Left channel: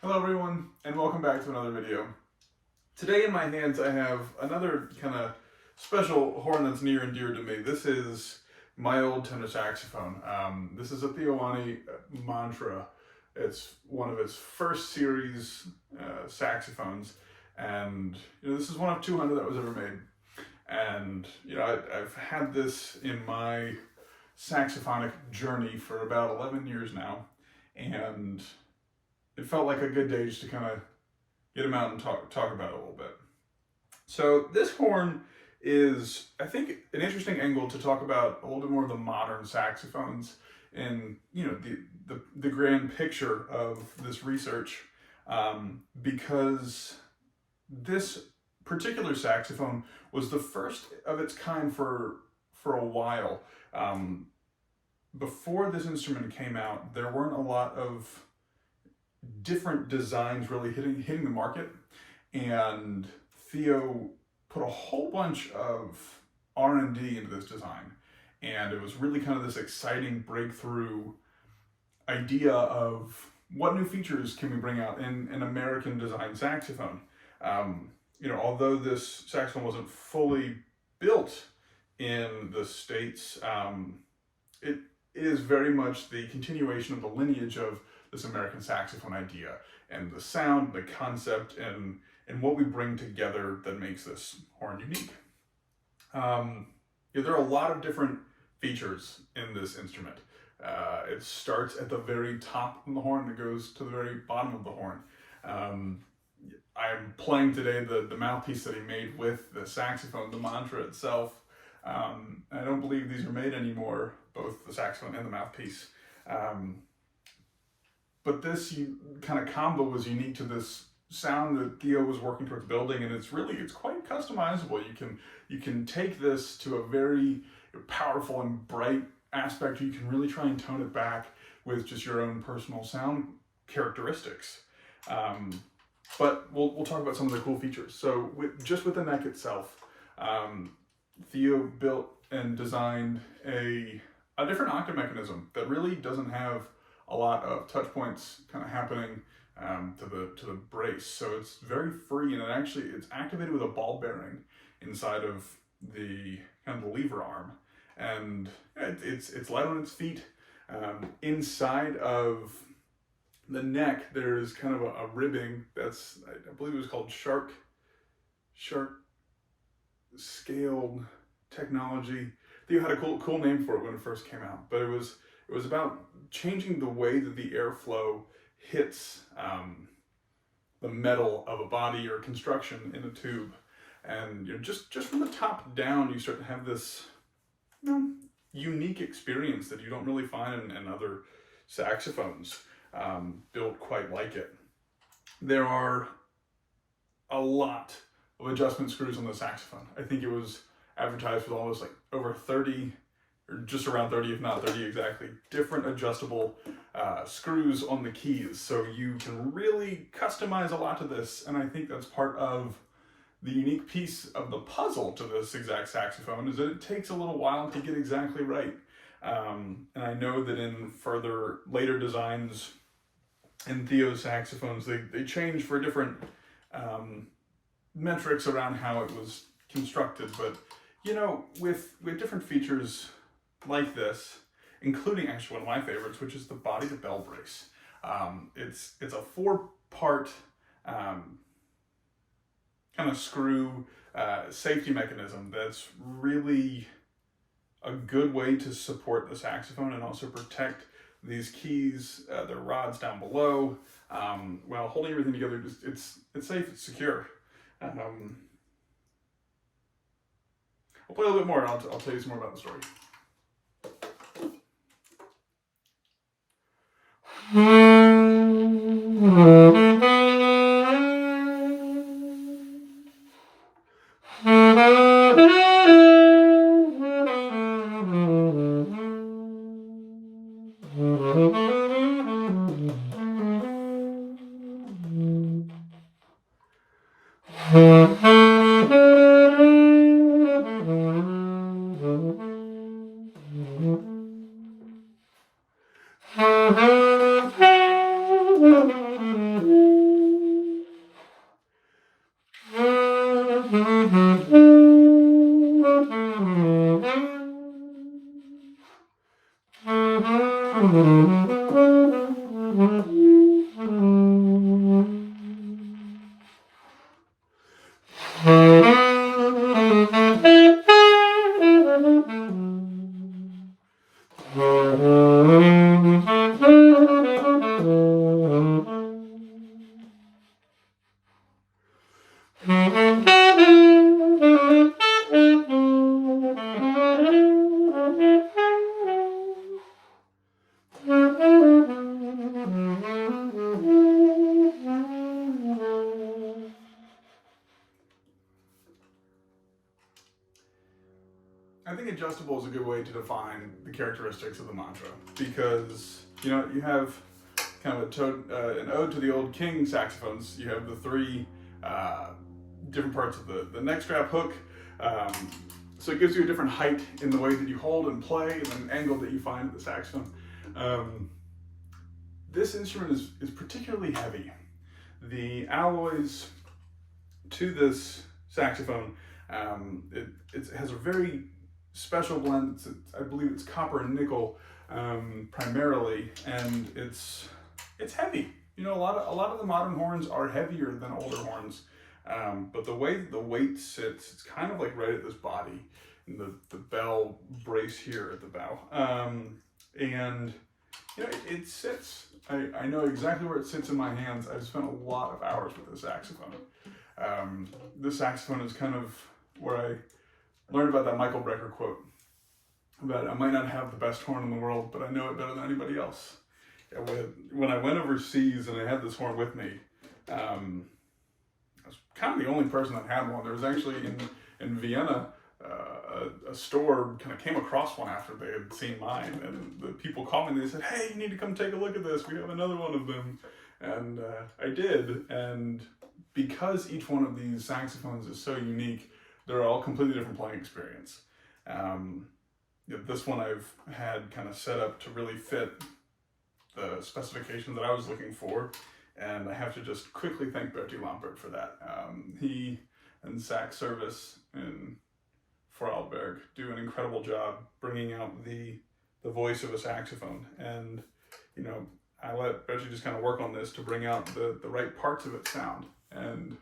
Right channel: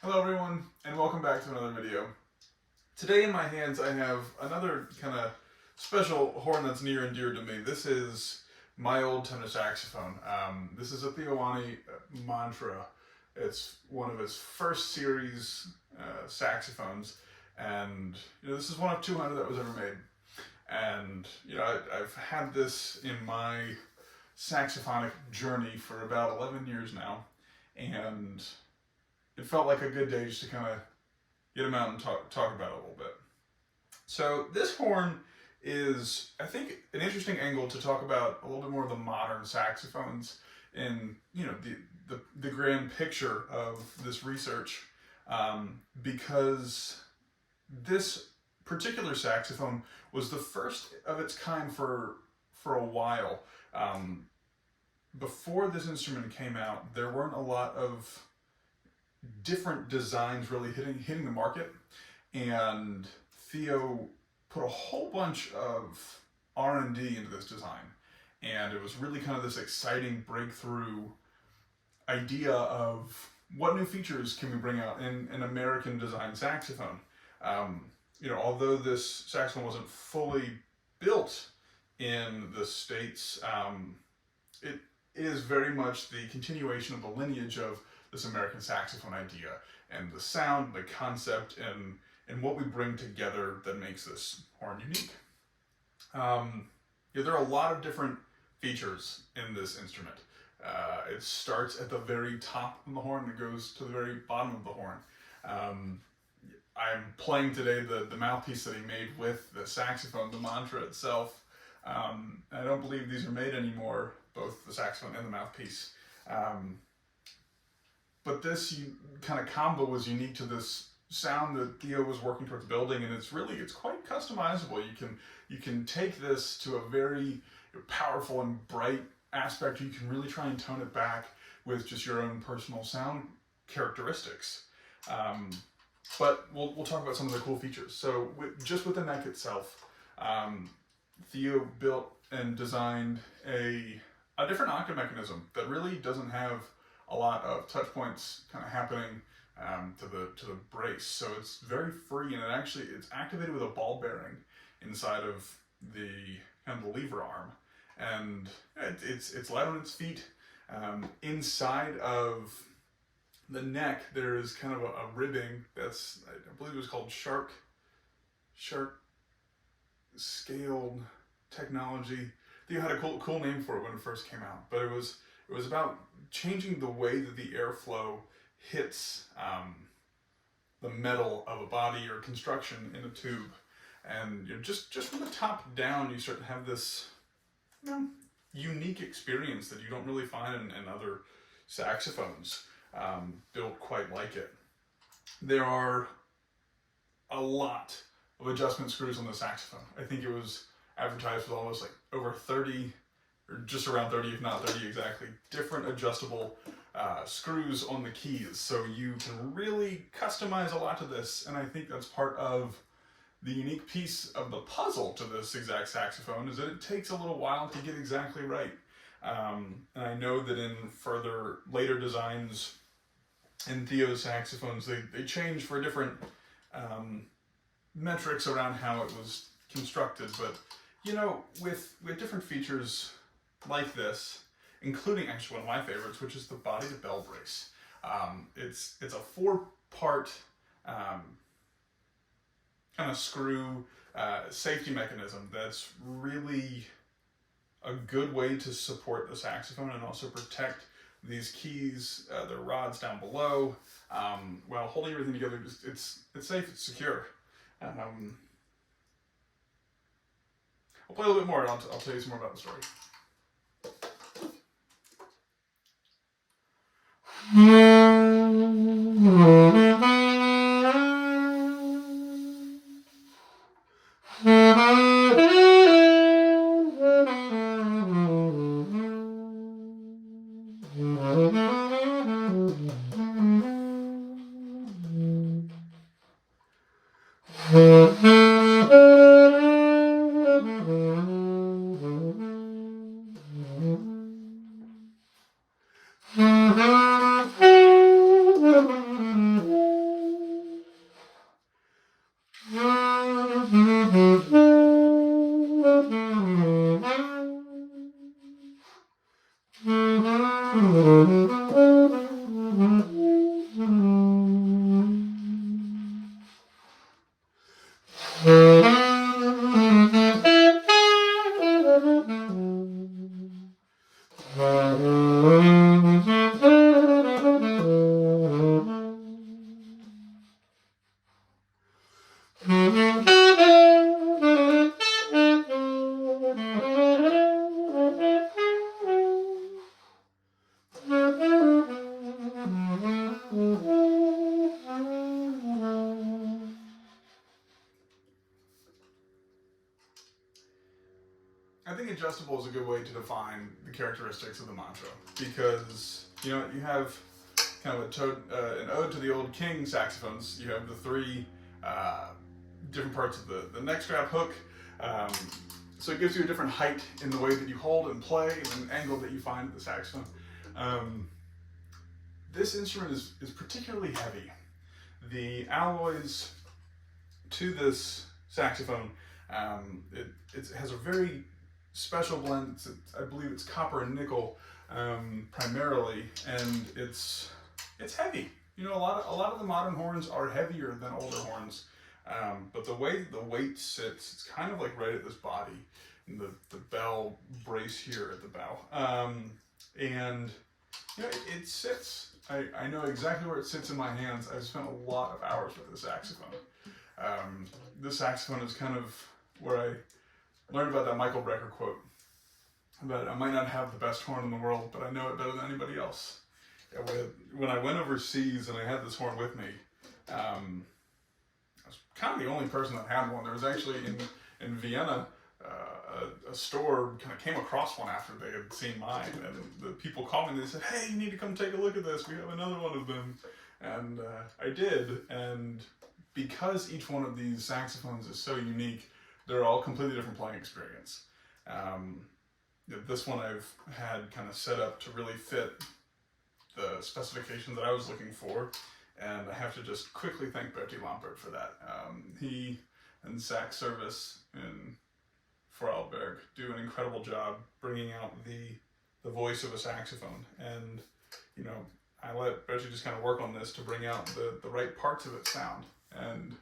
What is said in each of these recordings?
Hello everyone, and welcome back to another video. Today in my hands I have another kind of special horn that's near and dear to me. This is my old tenor saxophone. This is a THEO WANNE Mantra. It's one of its first series saxophones, and this is one of 200 that was ever made. And I've had this in my saxophonic journey for about 11 years now, and it felt like a good day just to kind of get them out and talk about it a little bit. So this horn is, I think, an interesting angle to talk about a little bit more of the modern saxophones and the grand picture of this research, because this particular saxophone was the first of its kind for a while. Before this instrument came out, there weren't a lot of different designs really hitting the market, and THEO put a whole bunch of R&D into this design, and it was really kind of this exciting breakthrough idea of what new features can we bring out in an American designed saxophone. Although this saxophone wasn't fully built in the States, it is very much the continuation of the lineage of this American saxophone idea, and the sound, the concept, and what we bring together that makes this horn unique. There are a lot of different features in this instrument. It starts at the very top of the horn and goes to the very bottom of the horn. I am playing today the mouthpiece that he made with the saxophone, the mantra itself. I don't believe these are made anymore, both the saxophone and the mouthpiece. But this kind of combo was unique to this sound that THEO was working towards building, and it's quite customizable. You can take this to a very powerful and bright aspect. You can really try and tone it back with just your own personal sound characteristics. But we'll talk about some of the cool features. So just with the neck itself, THEO built and designed a different octave mechanism that really doesn't have a lot of touch points kind of happening to the brace. So it's very free, and it's activated with a ball bearing inside of the kind of the lever arm, and it's light on its feet. Inside of the neck there is kind of a ribbing that's, I believe it was called shark scaled technology. THEO had a cool name for it when it first came out, but it was about changing the way that the airflow hits the metal of a body or construction in a tube. And just from the top down, you start to have this unique experience that you don't really find in other saxophones built quite like it. There are a lot of adjustment screws on the saxophone. I think it was advertised with almost like over 30, or just around 30, if not 30 exactly, different adjustable screws on the keys. So you can really customize a lot to this, and I think that's part of the unique piece of the puzzle to this exact saxophone, is that it takes a little while to get exactly right. And I know that in later designs in THEO saxophones, they change for different metrics around how it was constructed, but with different features like this, including actually one of my favorites, which is the body to bell brace. It's a 4-part kind of screw safety mechanism that's really a good way to support the saxophone and also protect these keys, their rods down below, while holding everything together. It's safe, it's secure. I'll play a little bit more and I'll tell you some more about the story. I think adjustable is a good way to define the characteristics of the mantra, because you know you have kind of an ode to the old king saxophones. You have the three different parts of the neck strap hook, so it gives you a different height in the way that you hold and play, and an angle that you find at the saxophone. This instrument is particularly heavy. The alloys to this saxophone, it has a very special blend. I believe it's copper and nickel primarily, and it's heavy. You know, a lot of the modern horns are heavier than older horns, but the way the weight sits, it's kind of like right at this body, and the bell brace here at the bow, and you know it sits. I know exactly where it sits in my hands. I've spent a lot of hours with this saxophone. This saxophone is kind of where I learned about that Michael Brecker quote about I might not have the best horn in the world, but I know it better than anybody else. When I went overseas and I had this horn with me, I was kind of the only person that had one. There was actually in Vienna, a store kind of came across one after they had seen mine, and the people called me and they said, "Hey, you need to come take a look at this. We have another one of them." And I did, and because each one of these saxophones is so unique, they're all completely different playing experience. This one I've had kind of set up to really fit the specification that I was looking for, and I have to just quickly thank Bertie Lampert for that. He and Sax Service in Vorarlberg do an incredible job bringing out the voice of a saxophone, and you know, I let Bertie just kind of work on this to bring out the right parts of its sound, and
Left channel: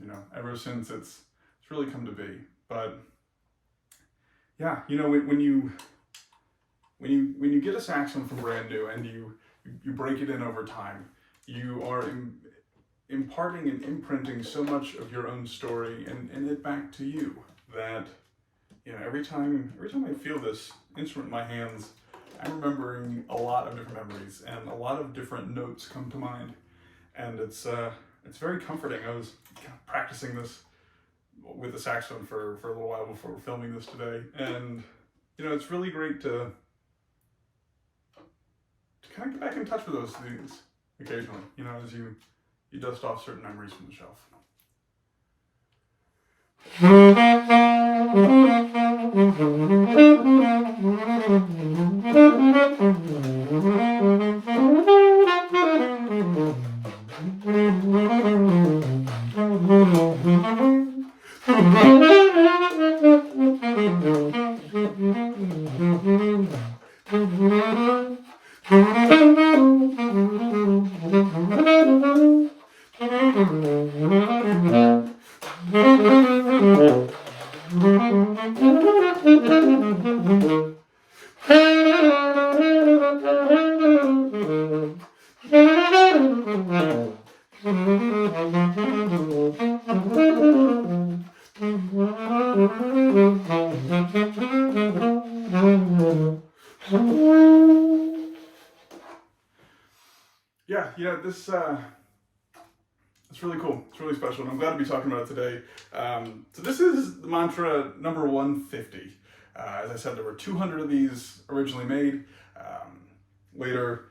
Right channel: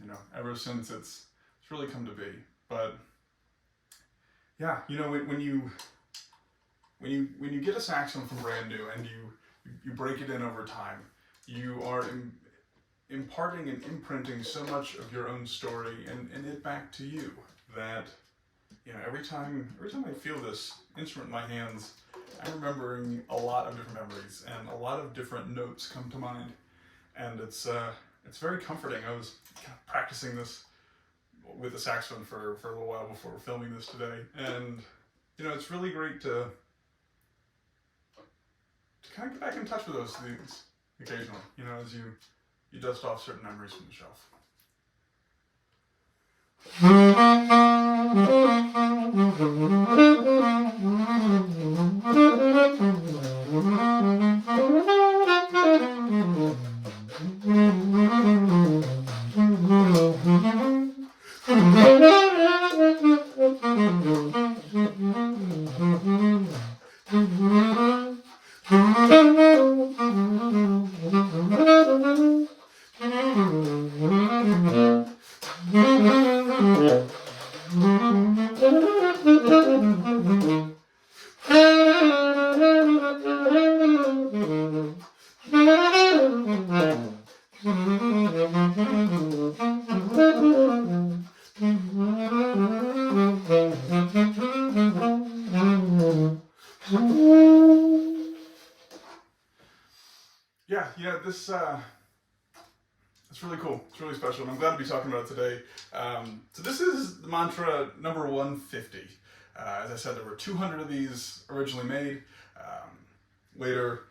you know, ever since it's really come to be. But yeah, you know, when you get a saxophone from brand new and you break it in over time, you are imparting and imprinting so much of your own story and it back to you that, you know, every time I feel this instrument in my hands, I'm remembering a lot of different memories, and a lot of different notes come to mind, and it's very comforting. I was kind of practicing this with the saxophone for a little while before filming this today, and you know, it's really great to kind of get back in touch with those things occasionally, you know, as you dust off certain memories from the shelf. this it's really cool. It's really special, and I'm glad to be talking about it today. So this is the mantra number 150. As I said, there were 200 of these originally made. Later,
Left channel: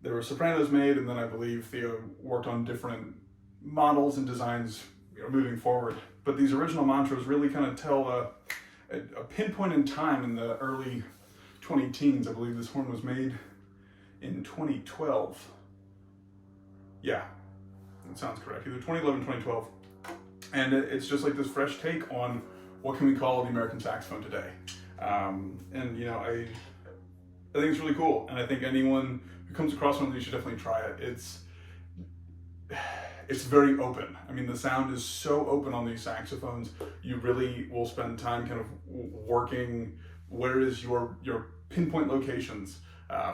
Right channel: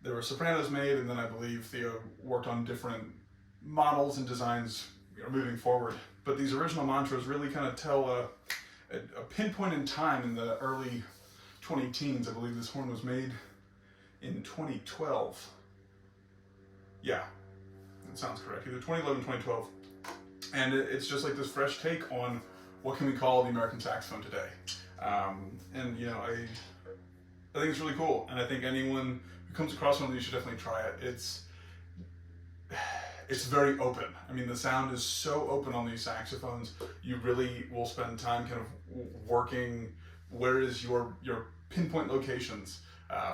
there were sopranos made, and then I believe Theo worked on different models and designs, moving forward. But these original mantras really kind of tell a pinpoint in time in the early 20-teens. I believe this horn was made in 2012. Yeah, that sounds correct. Either 2011, 2012. And it's just like this fresh take on what can we call the American saxophone today. And I think it's really cool. And I think anyone who comes across one of these should definitely try it. It's very open. I mean, the sound is so open on these saxophones. You really will spend time kind of working where is your pinpoint locations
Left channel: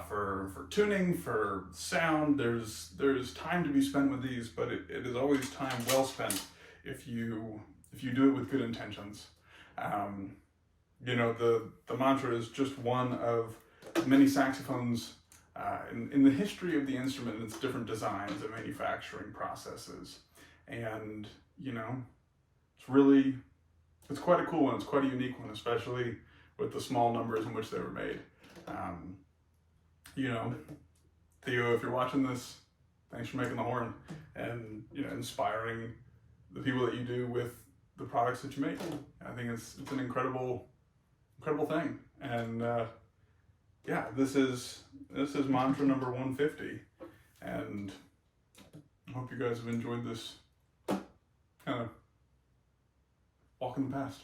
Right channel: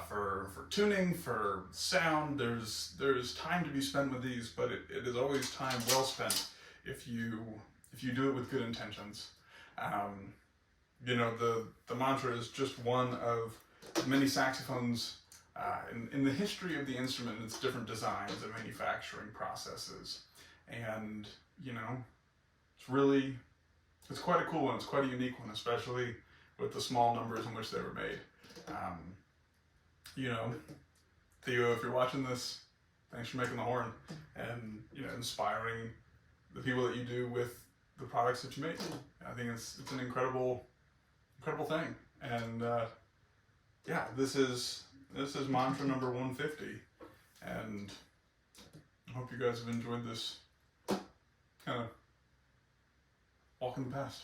for tuning, for sound. There's time to be spent with these, but it is always time well spent if you do it with good intentions. The mantra is just one of many saxophones in the history of the instrument and its different designs and manufacturing processes. And, it's quite a cool one. It's quite a unique one, especially with the small numbers in which they were made. Theo, if you're watching this, thanks for making the horn and, inspiring the people that you do with the products that you make. I think it's an incredible thing. And this is mantra number 150, and I hope you guys have enjoyed this kind of walk in the past.